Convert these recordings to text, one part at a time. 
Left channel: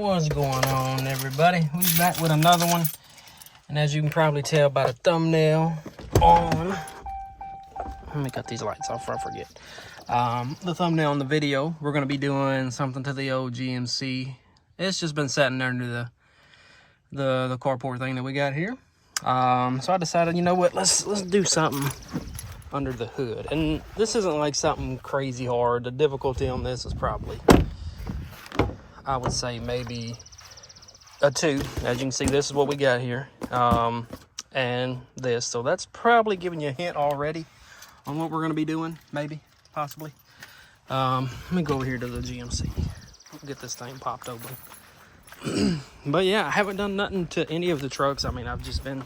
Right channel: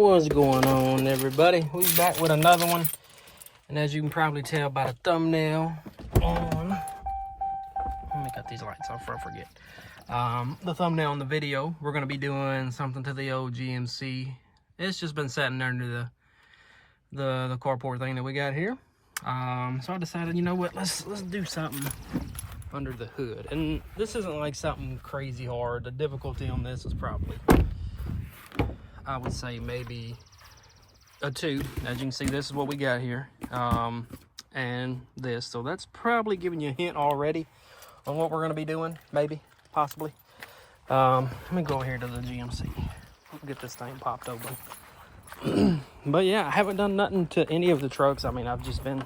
What's going on, everybody? We're back with another one, and as you can probably tell by the thumbnail on, let me cut these lights off before I forget. The thumbnail on the video, we're going to be doing something to the old GMC. It's just been sitting under the carport thing that we got here. So I decided, you know what, let's do something under the hood. And this isn't like something crazy hard. The difficulty on this is probably, I would say, maybe a 2. As you can see, this is what we got here, and this. So that's probably giving you a hint already on what we're going to be doing, maybe, possibly. Let me go over here to the GMC. Get this thing popped open. But yeah, I haven't done nothing to any of the trucks. I mean, I've just been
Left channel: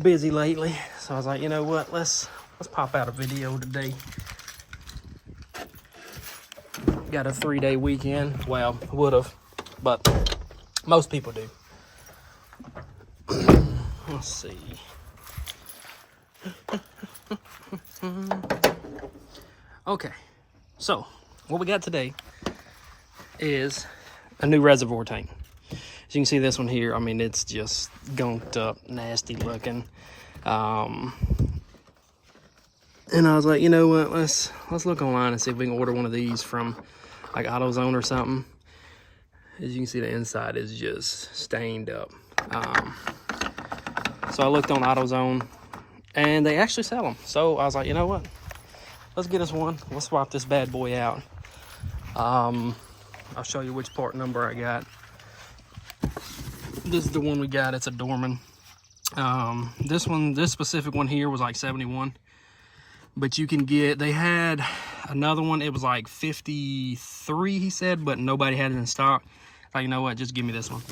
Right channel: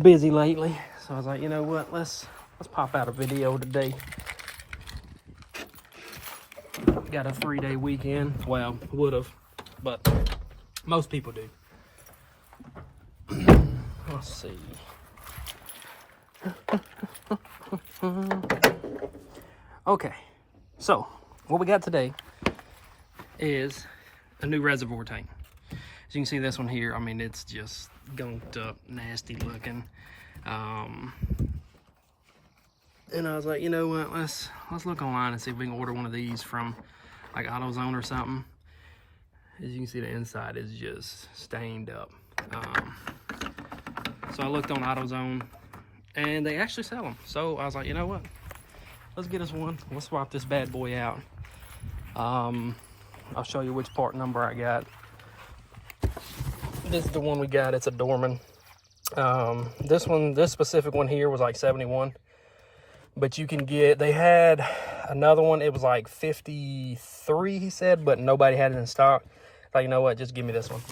busy lately. So I was like, you know what, let's pop out a video today. Got a 3-day weekend. Well, would have, but most people do. Let's see. Okay, so what we got today is a new reservoir tank. As you can see, this one here, I mean, it's just gunked up, nasty looking. And I was like, you know what, let's look online and see if we can order one of these from like AutoZone or something. As you can see, the inside is just stained up. So I looked on AutoZone and they actually sell them. So I was like, you know what, let's get us one. We'll swap this bad boy out. I'll show you which part number I got. This is the one we got. It's a Dorman. This specific one here was like 71. But you can get, they had another one, it was like 53, he said, but nobody had it in stock. Like, you know what, just give me this one.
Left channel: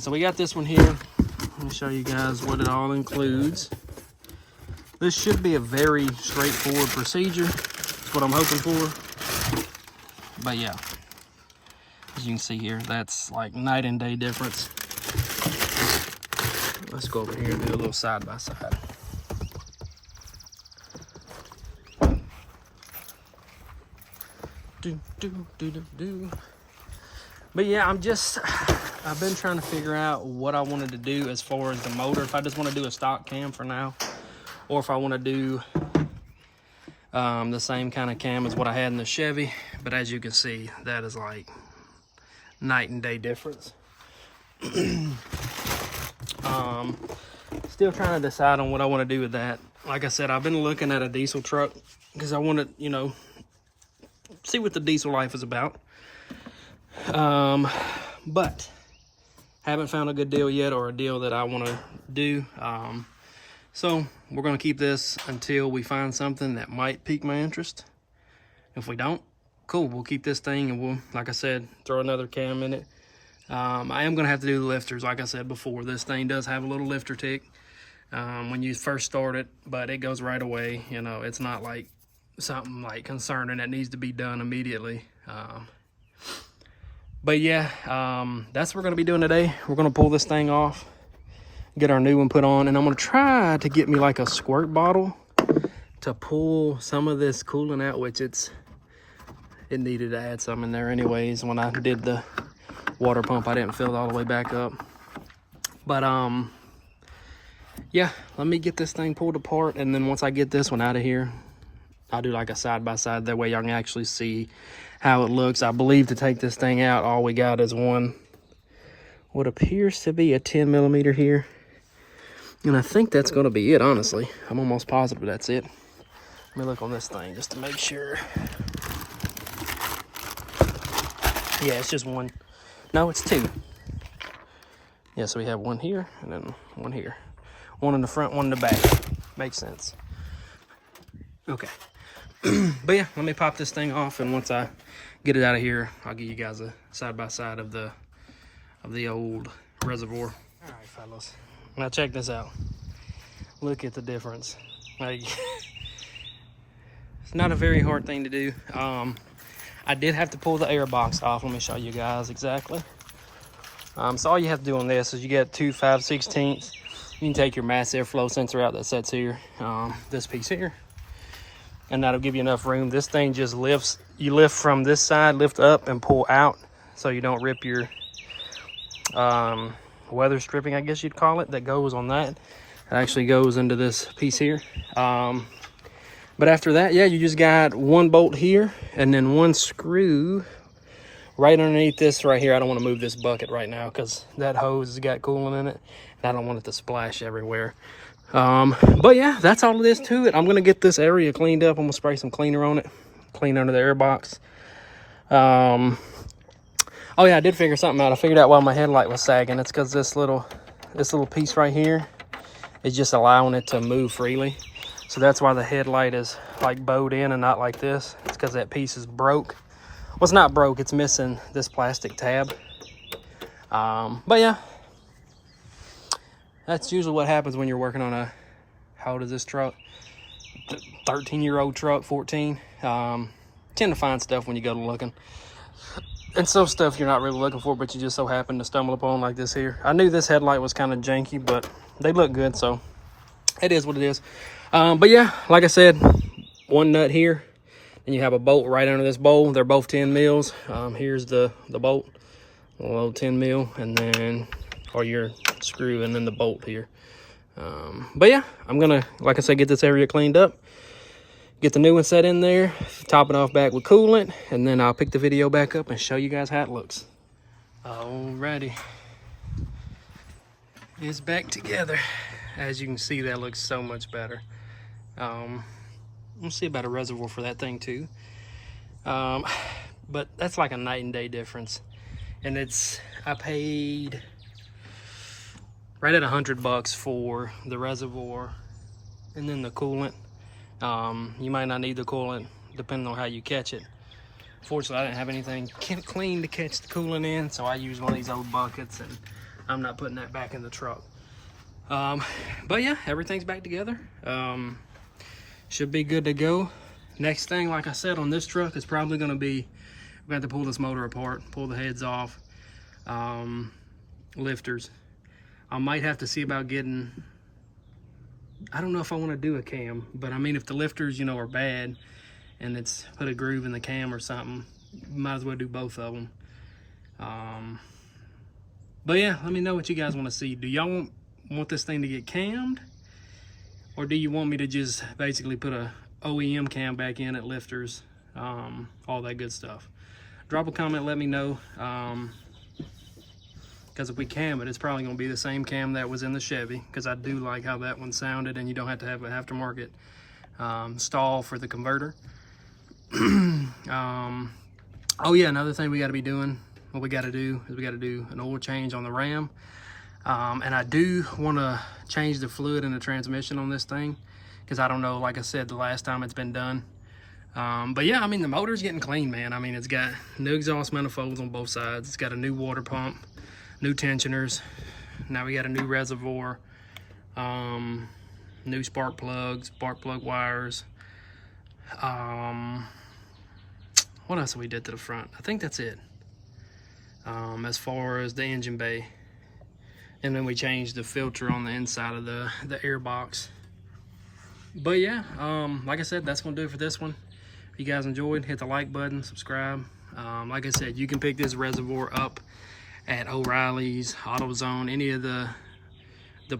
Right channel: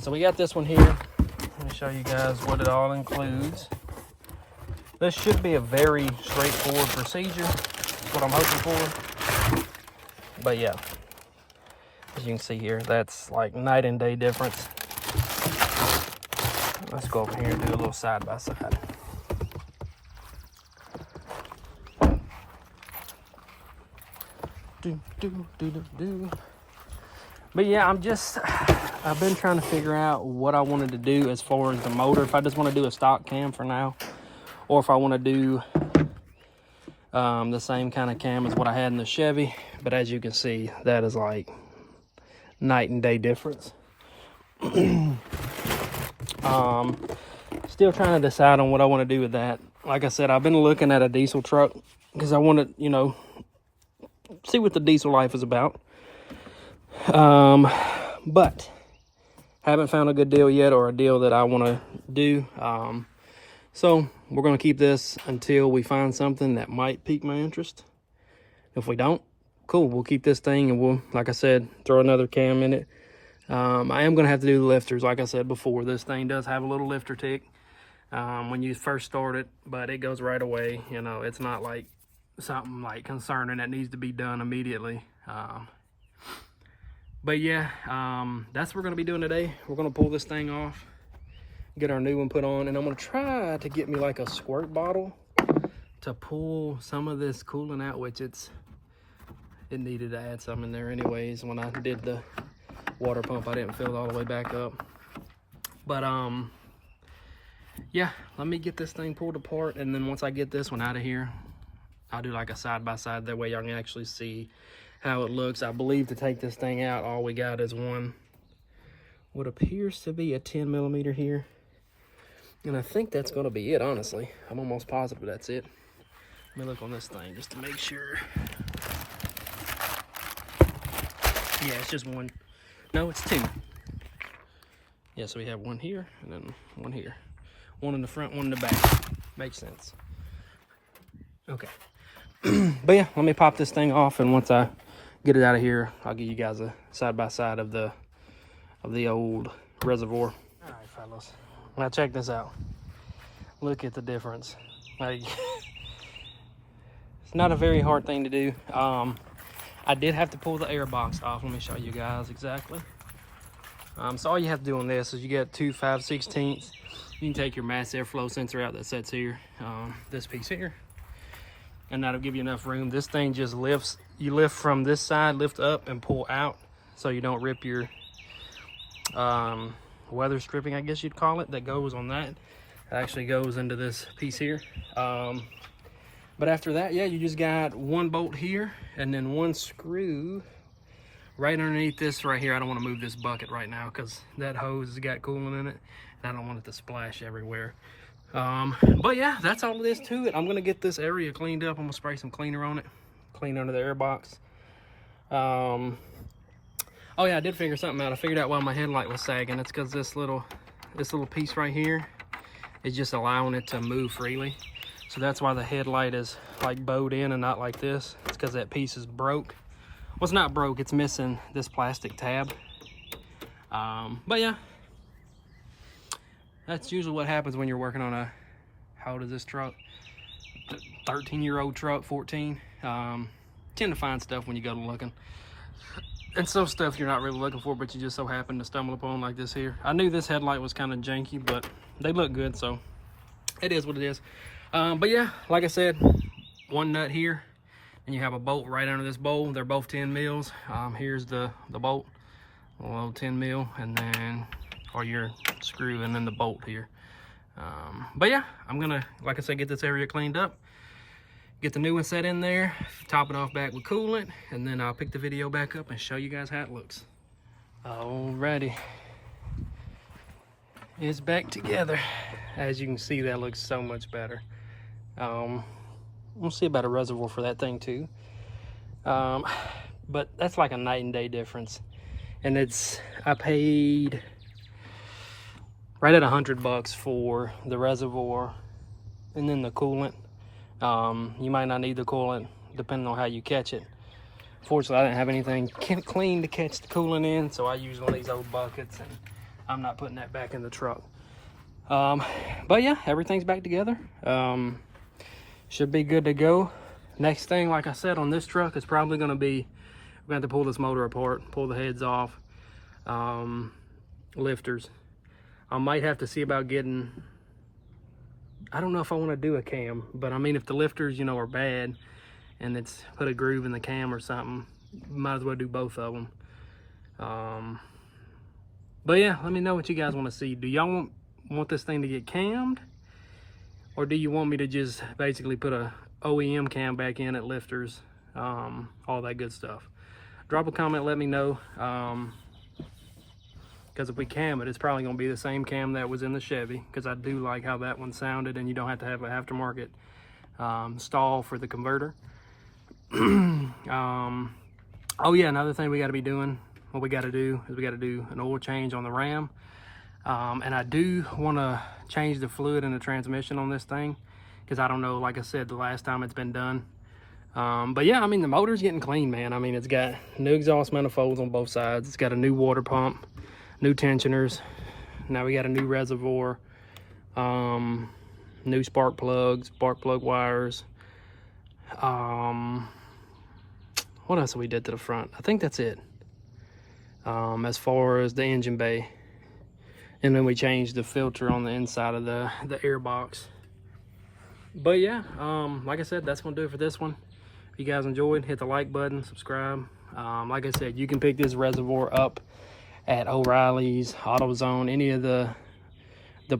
So we got this one here. Let me show you guys what it all includes. This should be a very straightforward procedure. That's what I'm hoping for. But yeah, as you can see here, that's like night and day difference. Let's go over here and do a little side by side. But yeah, I've been trying to figure out what I wanted to do as far as the motor. If I just want to do a stock cam for now, or if I want to do the same kind of cam as what I had in the Chevy. But as you can see, that is like night and day difference. Still trying to decide on what I want to do with that. Like I said, I've been looking at a diesel truck because I want to, you know, see what the diesel life is about. But haven't found a good deal yet, or a deal that I want to do. So we're going to keep this until we find something that might pique my interest. If we don't, cool, we'll keep this thing and we'll, like I said, throw another cam in it. I am going to have to do the lifters. Like I said before, this thing does have a little lifter tick when you first start it, but it goes right away. You know, it's not like something like concerning that needs to be done immediately. But yeah, that's what we're going to be doing today. We're going to pull this thing off, get our new one put on, and I'm going to try to get me like a squirt bottle to pull some of this coolant out, which it needed to add some in there anyways. When I did the water pump, I didn't fill it all the way back up. But yeah, let me get this thing pulled apart, and then once I get this one out of here, I'll do like a side by side. That way y'all can actually see how it looks. I believe to take this thing out, all we got is what appears to be a 10 millimeter here. And I think that's going to be it, honestly. I'm almost positive that's it. Let me look on this thing just to make sure. Yeah, it's just one. No, it's 2. Yeah, so we have one here and then one here. One in the front, one in the back. Makes sense. Okay. But yeah, let me pop this thing off, and once I get it out of here, I'll give you guys a side by side of the old reservoir. All right, fellas. Now check this out. Look at the difference. Like, it's not a very hard thing to do. I did have to pull the air box off. Let me show you guys exactly. So all you have to do on this is you get 2 5/16. You can take your mass airflow sensor out that sits here, this piece here, and that'll give you enough room. This thing just lifts. You lift from this side, lift up and pull out. so you don't rip your weather stripping, I guess you'd call it, that goes on that. It actually goes into this piece here. But after that, yeah, you just got one bolt here and then one screw right underneath this right here. I don't want to move this bucket right now because that hose has got coolant in it. I don't want it to splash everywhere. But yeah, that's all it is to it. I'm going to get this area cleaned up. I'm going to spray some cleaner on it, clean under the air box. Oh yeah, I did figure something out. I figured out why my headlight was sagging. It's because this little piece right here is just allowing it to move freely. So that's why the headlight is like bowed in and not like this. It's because that piece is broke. Well, it's not broke, it's missing this plastic tab. But yeah, that's usually what happens when you're working on a, how old is this truck? 13-year-old truck, 14. Tend to find stuff when you go to looking. And some stuff you're not really looking for, but you just so happen to stumble upon, like this here. I knew this headlight was kind of janky, but they look good, so it is what it is. But yeah, like I said, one nut here, and you have a bolt right under this bowl. They're both 10 mils. Here's the bolt, a little 10 mil, and then, or your screw, and then the bolt here. But yeah, I'm gonna, like I said, get this area cleaned up, get the new one set in there, top it off back with coolant, and then I'll pick the video back up and show you guys how it looks. Alrighty, it's back together. As you can see, that looks so much better. We'll see about a reservoir for that thing too. But that's like a night and day difference. And I paid right at $100 for the reservoir and then the coolant. You might not need the coolant depending on how you catch it. Fortunately, I didn't have anything clean to catch the coolant in, so I used one of these old buckets, and I'm not putting that back in the truck. But yeah, everything's back together. Should be good to go. Next thing, like I said, on this truck is probably going to be, we're going to have to pull this motor apart, pull the heads off, lifters. I might have to see about getting, I don't know if I want to do a cam, but I mean, if the lifters, you know, are bad and it's put a groove in the cam or something, might as well do both of them. But yeah, let me know what you guys want to see. Do y'all want this thing to get cammed, or do you want me to just basically put a OEM cam back in at lifters, all that good stuff? Drop a comment, let me know, because if we cam it, it's probably going to be the same cam that was in the Chevy, because I do like how that one sounded, and you don't have to have an aftermarket stall for the converter. Oh yeah, another thing we got to be doing, what we got to do is we got to do an oil change on the Ram. And I do want to change the fluid in the transmission on this thing, because I don't know, like I said, the last time it's been done. But yeah, I mean, the motor's getting clean, man. I mean, it's got new exhaust manifolds on both sides. It's got a new water pump, new tensioners. Now we got a new reservoir, new spark plug wires. What else have we did to the front? I think that's it. As far as the engine bay. And then we changed the filter on the inside of the air box. But yeah, like I said, that's gonna do it for this one. If you guys enjoyed, hit the like button, subscribe. Like I said, you can pick this reservoir up at O'Reilly's, AutoZone, any of the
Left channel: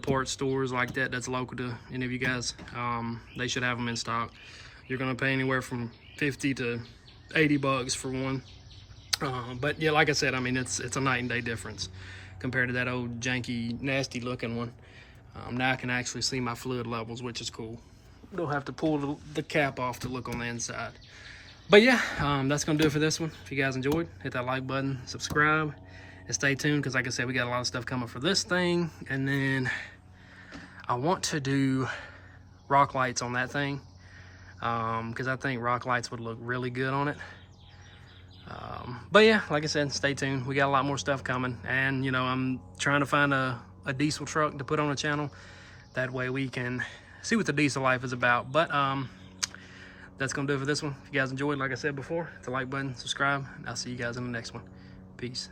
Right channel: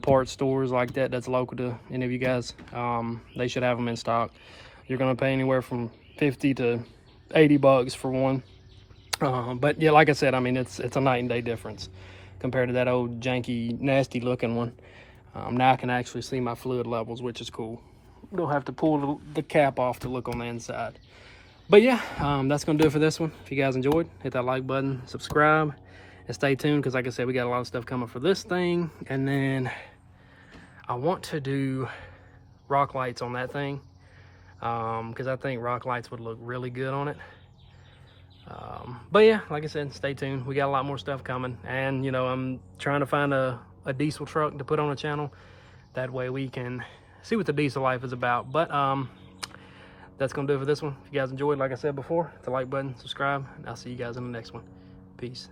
parts stores like that that's local to any of you guys. They should have them in stock. You're gonna pay anywhere from $50 to $80 for one. But yeah, like I said, I mean, it's a night and day difference compared to that old janky, nasty looking one. Now I can actually see my fluid levels, which is cool. Don't have to pull the cap off to look on the inside. But yeah, that's gonna do it for this one. If you guys enjoyed, hit that like button, subscribe, and stay tuned, because like I said, we got a lot of stuff coming for this thing. And then I want to do rock lights on that thing, because I think rock lights would look really good on it. But yeah, like I said, stay tuned. We got a lot more stuff coming, and you know, I'm trying to find a diesel truck to put on the channel. That way we can see what the diesel life is about. But that's gonna do it for this one. If you guys enjoyed, like I said before, hit the like button, subscribe, and I'll see you guys in the next one. Peace.